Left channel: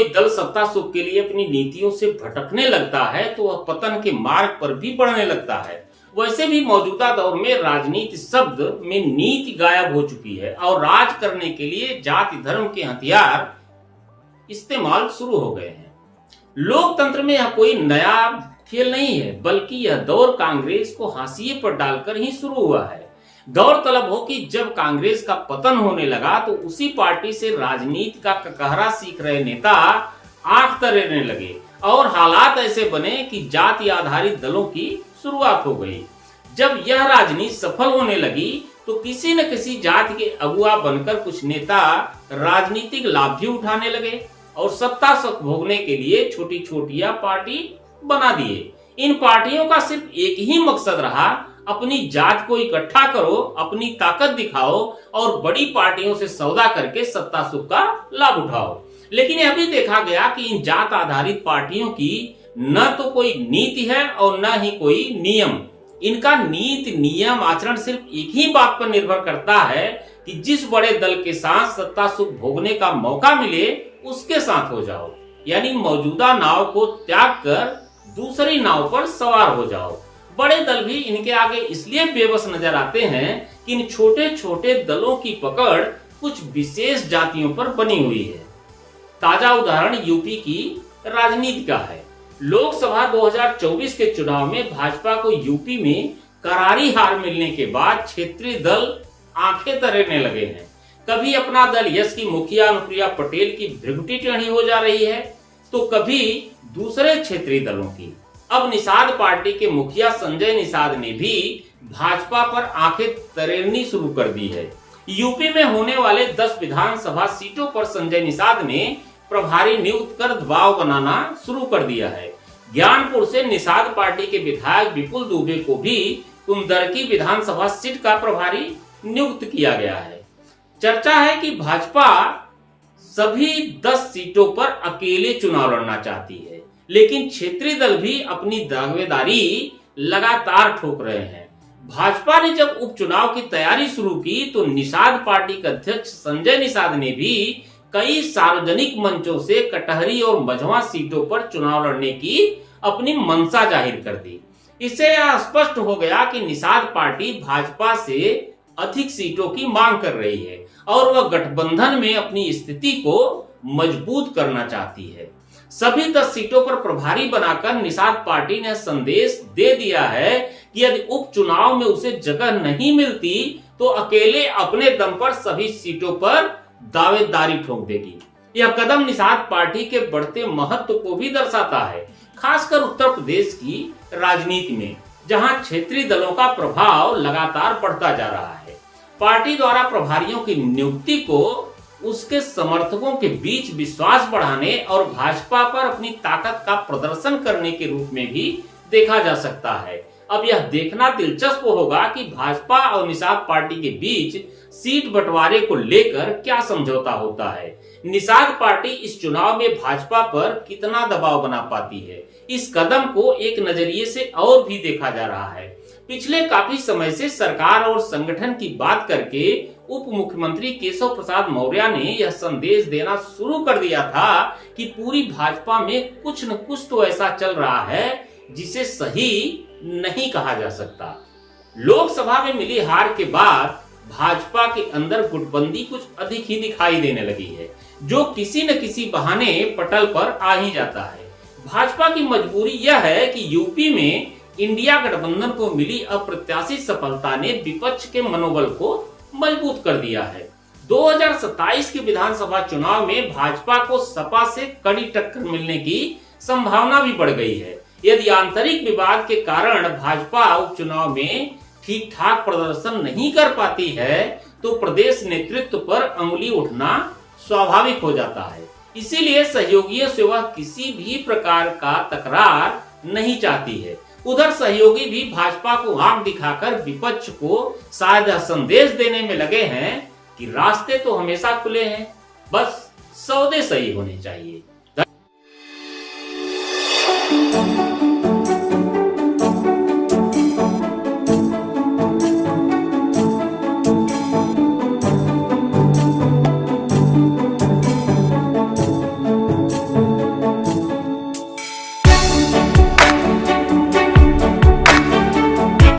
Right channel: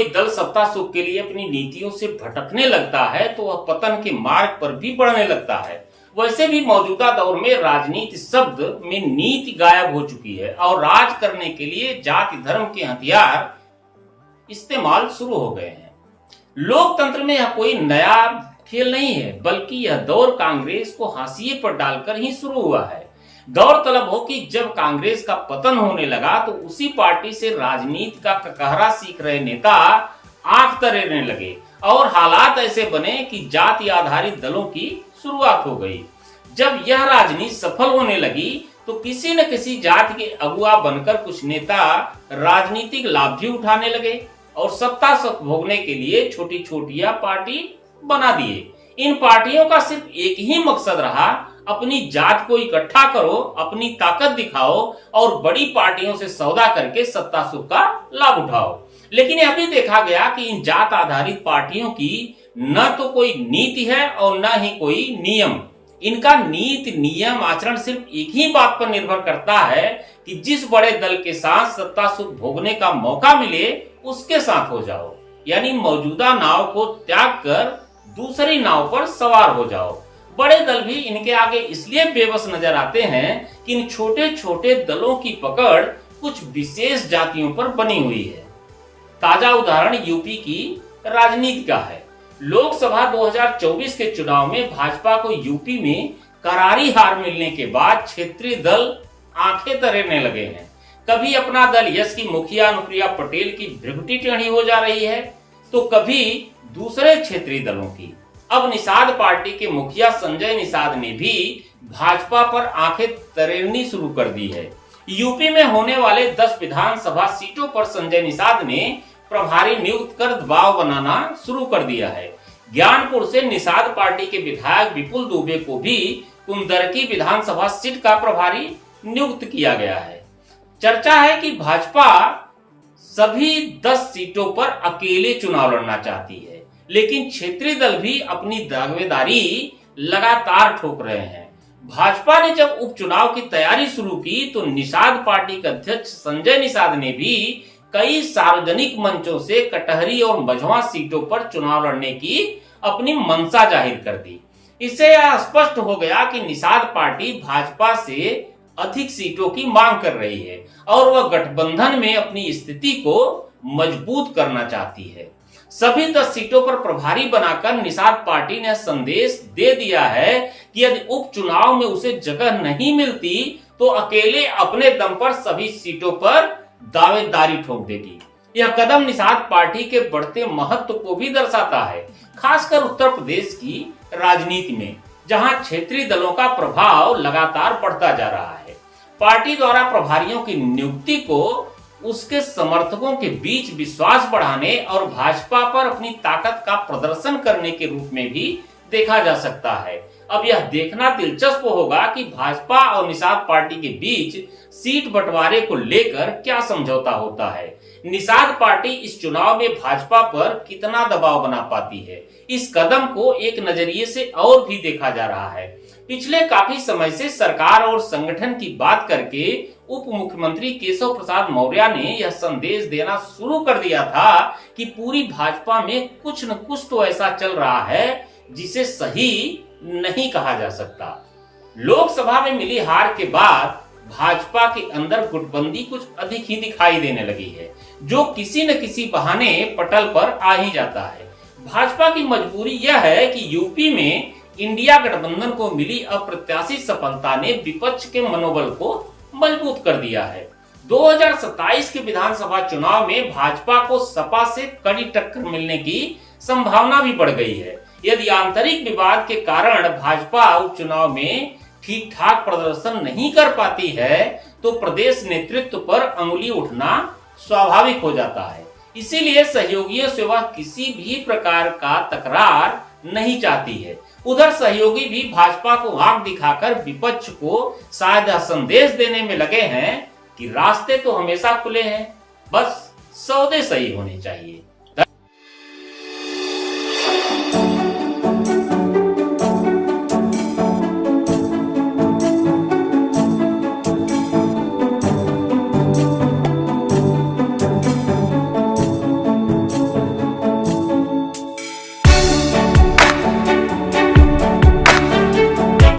कोई दल सत्ता सुख के लिए अपनी नीतियों से भटकने लगता है तो वह पतन के मार्ग पर भी बढ़ने लगता है। वैसे भी मौजूदा दौर में राजनीति शब्द में नीति गायब हो चुकी है और राज करने के लिए जाति धर्म के हथियार इस्तेमाल शुरू हो गए हैं। लोकतंत्र में यह कोई नया खेल नहीं है, बल्कि यह दौर कांग्रेस को हाशिए पर डालकर ही शुरू हुआ है। गौरतलब हो कि जब कांग्रेस का पतन होने लगा तो उसी पार्टी से राजनीति का ककहरा सीख रहे नेता आंख तरेने लगे और हालात ऐसे बने कि जाति आधारित दलों की शुरुआत हो गई। जब यह राजनीति सफल होने लगी तो किसी न किसी जाति के अगुआ बनकर कुछ नेता राजनीतिक लाभ भी उठाने लगे और सत्ता सुख भोगने के लिए छोटी छोटियां पार्टी बना दिए। इन पार्टियों का सिर्फ एक ही मकसद रहा, अपनी जात को इकट्ठा करो, अपनी ताकत दिखाओ और बड़ी पार्टियों से सौदा करके सत्ता सुख का लाभ उठाओ। लेकिन यह भी देखा गया कि इन जात आधारित पार्टियों की न तो कोई नीति है और न ही कोई नियम। इनका नीति नियम आचरण सिर्फ एक ही बात पर निर्भर करता है कि जिस बड़े दल के साथ सत्ता सुख भोगने का मौका मिले उसके साथ हो जाओ, यानी मौजूदा नाव को त्याग कर दूसरी नाव पर सवार हो जाओ। बड़े दल भी इनके आगे इसलिए बेबस नजर आते हैं कि इन छोटे छोटे दलों की पकड़ कुछ विशेष जातियों पर बनी हुई है। ताजा उदाहरण यूपी की राजनीति का है। लोकसभा 2024 के चुनाव में भाजपा को यूपी में करारी हार मिलने के बाद क्षेत्रीय दल आंखें तरेने लगे हैं। कभी अपना दल यश की मुखिया अनुप्रिया पटेल की भृगुटी टेढ़ी हो जा रही है तो कभी दूसरे क्षेत्रीय दलों की। अब निषाद पार्टी के मुखिया संजय निषाद ने भी भाजपा पर आंखें तरेरनी शुरू कर दी है। यूपी में होने वाले 10 विधानसभा सीटों पर संजय निषाद ने प्रभारी नियुक्त कर दबाव बनाना शुरू कर दिया है। ज्ञानपुर से निषाद पार्टी के विधायक विपुल दुबे को भी कुंदरकी विधानसभा सीट का प्रभारी नियुक्त किया गया है। चर्चा है कि भाजपा सभी 10 सीटों पर अकेले चुनाव लड़ना चाहती है, लेकिन क्षेत्रीय दल भी अपनी दावेदारी लगातार ठोक रहे हैं। भाजपा ने जब उपचुनाव की तैयारी शुरू की तो निषाद पार्टी के अध्यक्ष संजय निषाद ने भी कई सार्वजनिक मंचों से कटहरी और मझवा सीटों पर चुनाव लड़ने की अपनी मंशा जाहिर कर दी। इससे यह स्पष्ट हो गया कि निषाद पार्टी भाजपा से अधिक सीटों की मांग कर रही है और वह गठबंधन में अपनी स्थिति को मजबूत करना चाहती है। सभी 10 सीटों पर प्रभारी बनाकर निषाद पार्टी ने संदेश दे दिया है कि यदि उपचुनाव में उसे जगह नहीं मिलती तो अकेले अपने दम पर सभी सीटों पर दावेदारी ठोक देगी। यह कदम निषाद पार्टी के बढ़ते महत्व को भी दर्शाता है, खासकर उत्तर प्रदेश की राजनीति में, जहां क्षेत्रीय दलों का प्रभाव लगातार बढ़ता जा रहा है। पार्टी द्वारा प्रभारियों की नियुक्ति को उसके समर्थकों के बीच विश्वास बढ़ाने और भाजपा पर अपनी ताकत का प्रदर्शन करने के रूप में भी देखा जा सकता है। अब यह देखना दिलचस्प होगा कि भाजपा और निषाद पार्टी के बीच सीट बंटवारे को लेकर क्या समझौता होता है। निषाद पार्टी इस चुनाव में भाजपा पर कितना दबाव बना पाती है, इस कदम को एक नजरिए से और भी देखा जा रहा है। पिछले काफी समय से सरकार और संगठन की बात करके उप मुख्यमंत्री केशव प्रसाद मौर्य ने यह संदेश देना शुरू कर दिया था कि पूरी भाजपा में कुछ न कुछ तो ऐसा चल रहा है जिसे सही नहीं कहा जा सकता। लोकसभा में मिली हार के बाद भाजपा के अंदर गुटबंदी कुछ अधिक ही दिखाई देने लगी है, जो किसी न किसी बहाने पटल पर आ ही जाता है। भाजपा की मजबूरी यह है कि यूपी में इंडिया गठबंधन को मिली अप्रत्याशित सफलता ने विपक्ष के मनोबल को मजबूत कर दिया है। 2027 के विधानसभा चुनाव में भाजपा को सपा से कड़ी टक्कर मिलने की संभावना भी बढ़ गई है। यदि आंतरिक विवाद के कारण भाजपा उपचुनाव में ठीक ठाक प्रदर्शन नहीं कर पाती है तो प्रदेश नेतृत्व पर अंगुली उठना स्वाभाविक हो जाता है। इसीलिए सहयोगियों से वह किसी भी प्रकार का तकरार नहीं चाहती है। उधर सहयोगी भी भाजपा को आंख दिखाकर विपक्ष को शायद संदेश देने में लगे हैं कि रास्ते तो हमेशा खुले हैं, बस सौदे सही होने चाहिए।